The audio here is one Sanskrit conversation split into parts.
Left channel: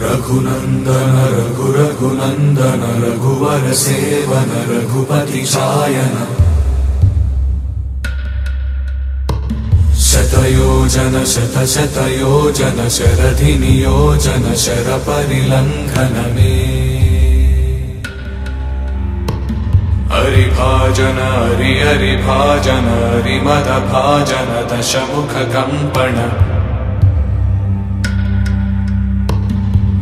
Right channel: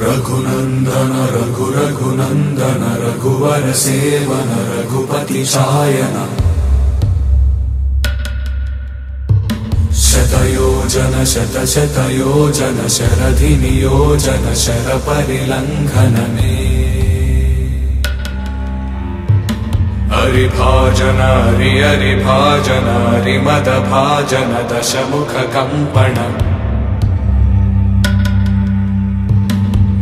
रघुनन्दन रघुनन्दन रघुवर सेवन रघुपति शायन शतयोजन शतशतयोजन शरधि नियोजन शरपरिलङ्घन मे हरिभाजन हरिभाजन हरिमदभाजन दशमुख कम्पण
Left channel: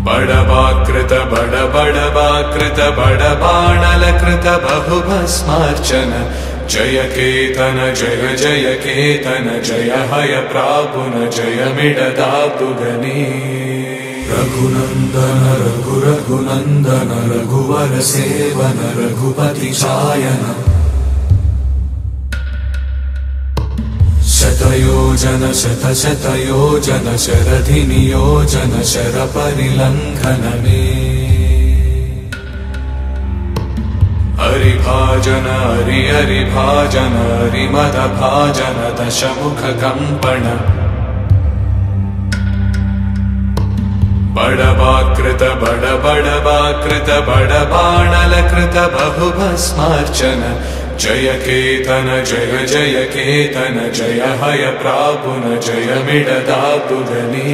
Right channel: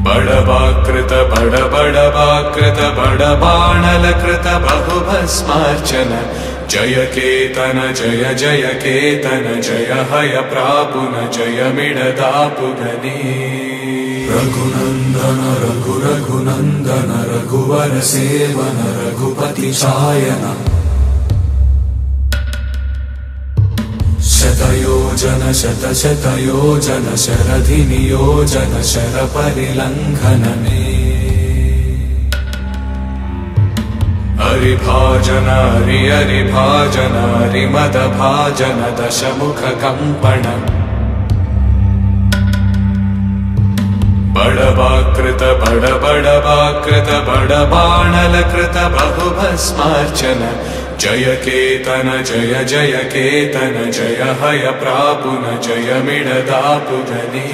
बड़वाकृत बड़वाकृत बड़बाणलकृत बहुभस्मार्चन जय केतन जय जय केतन जय हय प्रापुन जय मिडदापुगने रघुनन्दन रघुनन्दन रघुवर सेवन रघुपति शायन शतयोजन शतशतयोजन शरधि नियोजन शरपरिलङ्घन मे हरिभाजन हरिभाजन हरिमदभाजन दशमुख कम्पण बड़वाकृत बड़बाणलकृत बहुभस्मार्चन जय केतन जय जय केतन जय हय प्रापुन जय मिडदापुगने।